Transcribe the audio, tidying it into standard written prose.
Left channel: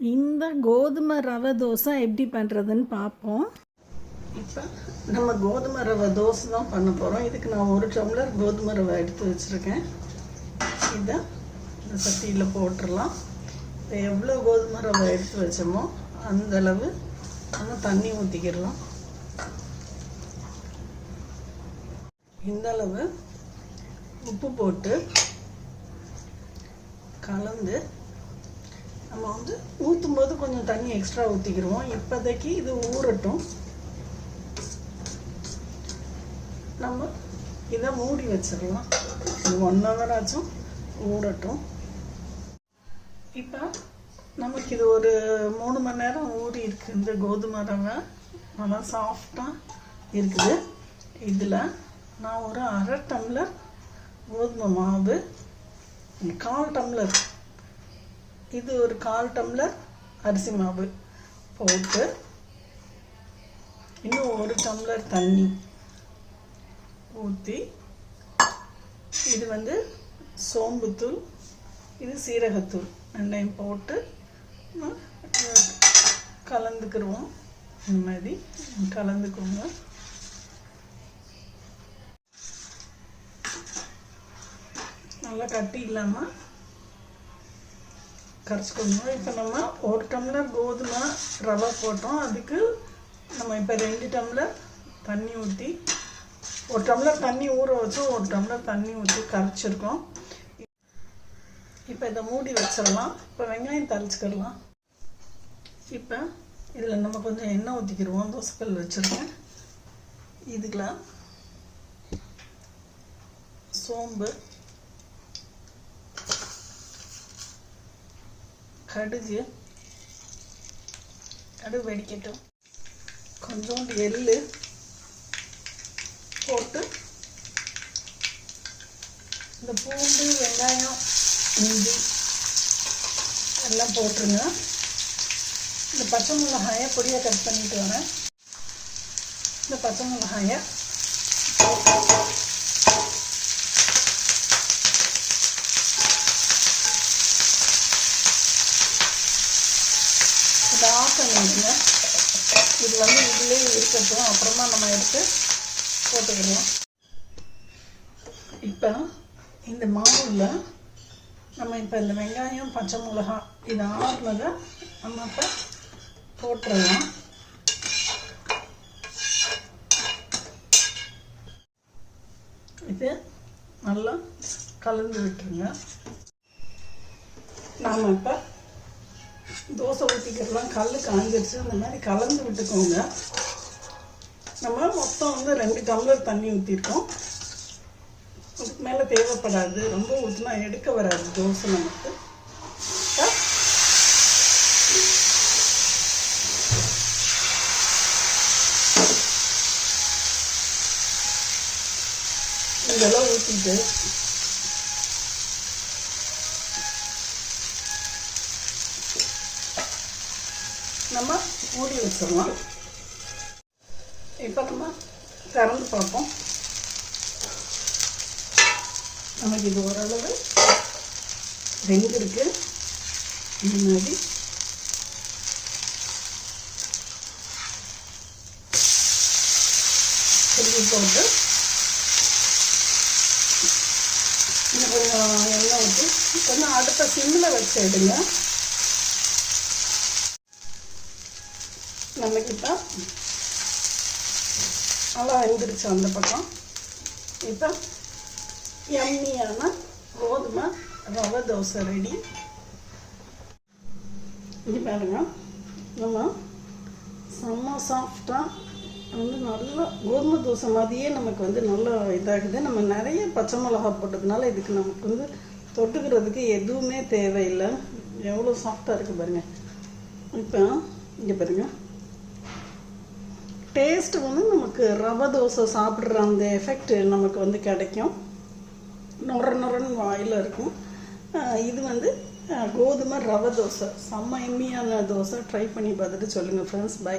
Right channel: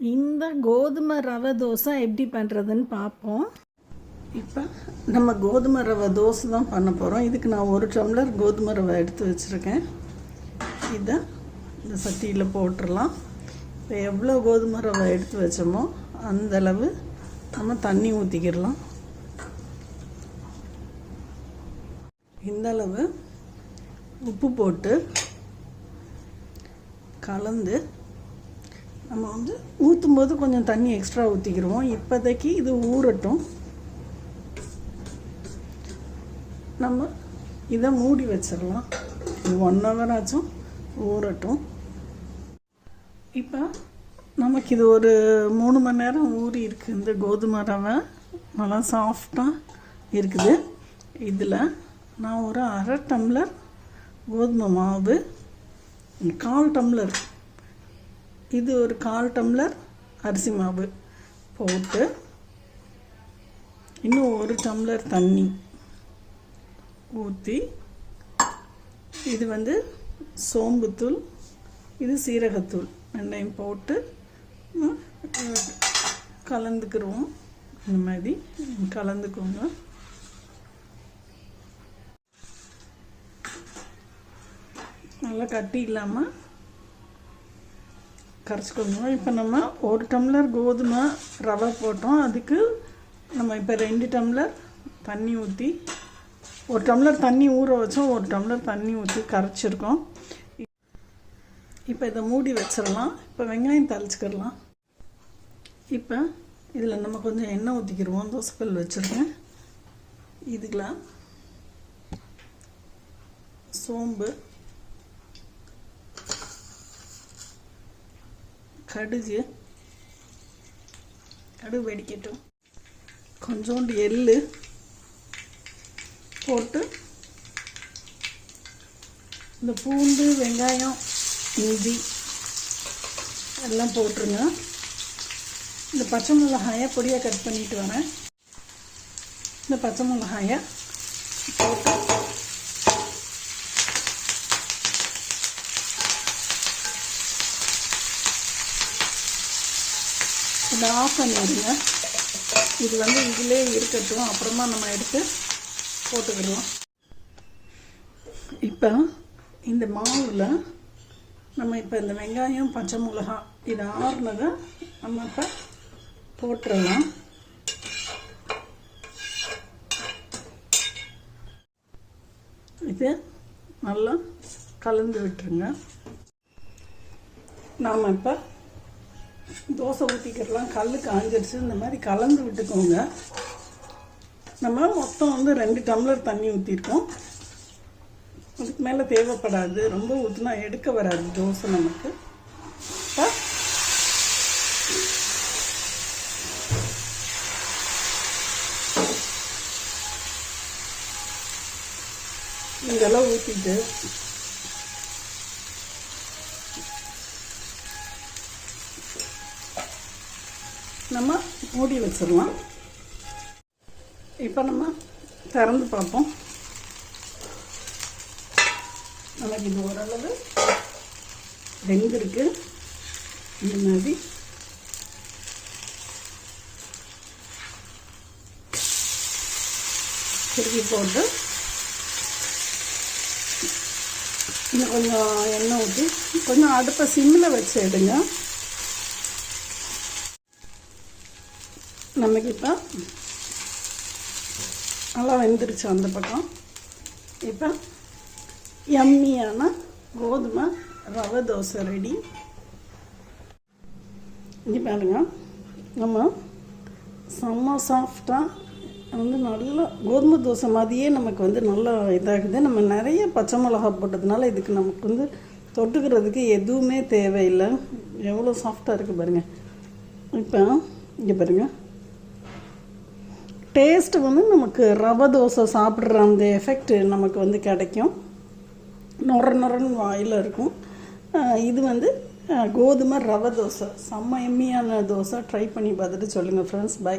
இந்த கோதுமை ரவை தோசை எப்படி பண்ணுறதுன்னு பார்ப்போம். இப்போ நம்ம கோதுமை ரவை தோசை தான் பண்ண போகிறோம். இதுக்கு நான் 1 டம்ளர் கோதுமை ரவை எடுத்து வச்சுருக்கேன். இதை இந்த சட்டியில் போட்டுடலாம். இப்போ எவ்வளோ கோதுமை ரவை எடுத்து வச்சோமோ அந்தளவு நம்ம தண்ணி ஊற்றிக்கிடலாம். இந்தளவு உப்பு போட்டு கலந்து நம்ம ஊற்றும் போது கொஞ்சம் தண்ணி எக்ஸ்ட்ரா ஊற்றிக்கிடுவோம். இப்போதைக்கு இது ஊறட்டும். நம்ம இதை மூடி வச்சிடலாம். 1 ஹவர் ஆச்சும் ஊறட்டும். இப்போ நமக்கு இது ஒரு 3 மணி நேரம் ஊறி இருக்குது. இந்த கோதுமை ரவை நல்லா சாஃப்டாக இருக்குது. இதில் நான் ஒரு 1/2 டம்ளர் கோதுமை மாவு, 1/4 டம்ளர், இது ஒரு 1/4 டம்ளர் அரிசி மாவு போட்டு இன்னும் 1 டம்ளர் தண்ணி ஊற்றி, இது சோம்புத்தூள், இது சீரகத்தூள், ரெண்டையும் போட்டு கலந்துக்கிடுவோம். இந்த மாதிரி கலந்துக்கோங்க. நல்லா கட்டி இல்லாமல் கரைச்சிக்கோங்க. இப்போ நம்ம 1 டம்ளர் கோதுமை ரவை போட்டோம். அதுக்கு நம்ம இப்போ 2 டம்ளர் தண்ணி ஊற்றி, 1 டம்ளர் தண்ணி ஊற வச்சோம், 1 டம்ளர் தண்ணி ஊற்றி கரைச்சிருக்கோம். இப்போ இதை மூடி வச்சிடலாம். இப்போ வெங்காயம் தாளிச்சுக்கிடலாம். இப்போ இதில் நம்ம கொஞ்சம் எண்ணெய் ஊற்றிக்கிடுவோம். தோசைக்கல் வச்சுருக்கேன். இதுக்குள்ள சோம்பு, கடுகு வெடிக்கட்டும். கொஞ்சோண்டு எள்ளு போட்டு இந்த பூண்டு, வெங்காயம், இஞ்சி எல்லாம் போட்டுருங்க. இந்த பச்சை மிளகாயை பொடியாக கட் பண்ணிட்டு வரேன். இந்த பச்சை மிளகாயை இதை ஆஃப் பண்ணிடுங்க. இது இதிலே இருக்கட்டும், அப்புறமா நம்ம எடுத்து போட்டுக்கிடுவோம். இப்போ இந்த மாவில் நம்ம இப்போ இந்த வெங்காயம், பச்சை மிளகா இது ஆறுனதை நம்ம இப்போ போட்டுடலாம். இது நல்லா கலந்து விட்டுருங்க. நாம் இப்போ தோசை ஊற்றிக்கிடலாம். கல் காஞ்சிருச்சு. இந்த மாதிரி கலந்து விட்டுக்கோங்க. நம்ம மொத்தம் 2 டம்ளர் தண்ணி ஊற்றிருக்கோம். அதுக்கு மேலே தேவைப்படாது. ரொம்ப ஊற்றினா எடுக்க வராது தோசை நமக்கு. இதெல்லாம் ஊற்றிட்டு நம்ம மூடி வச்சிடலாம். இப்போ நம்ம திறந்து பார்ப்போம். நமக்கு இது ஓரளவு வெந்திருக்கு. இந்த மாதிரி திருப்பி போட்டு இன்னும் கொஞ்சம் எண்ணெய் ஊற்றி கொஞ்சம் அடுத்த சிம்மில் வச்சு எடுங்க. நமக்கு இப்போ நல்லா வெந்துருச்சு அந்த பக்கம். இப்போ யம்மியான கோதுமை ரவை தோசை ரெடி. இங்கே பாருங்க, நம்ம செம்ம சாஃப்டாக நல்லா கோதுமை தோசை மாதிரியே நமக்கு நல்லா இதாகுது. நம்ம நிறைய பச்சை மிளகா போட்டதுனால இதுக்கு நமக்கு தொட்டுக்கிறதுக்கு எதுவுமே தேவையில்லை. எவ்வளோ சாஃப்டாக இருக்குது பாருங்கள். இப்போ இங்கே பாருங்கள், டேஸ்ட்டு நமக்கு ரவை தோசை சாப்பிட்ற அந்த எஃபெக்ட் நமக்கு கிடைக்கும். நொரன்னு வாயில் இருக்கும். இது கோதுமை ரவை தோசை செம்ம எம்மியான தோசை. ட்ரை பண்ணி பார்த்துட்டு சொல்லுங்கள் ஃப்ரெண்ட்ஸ். பை.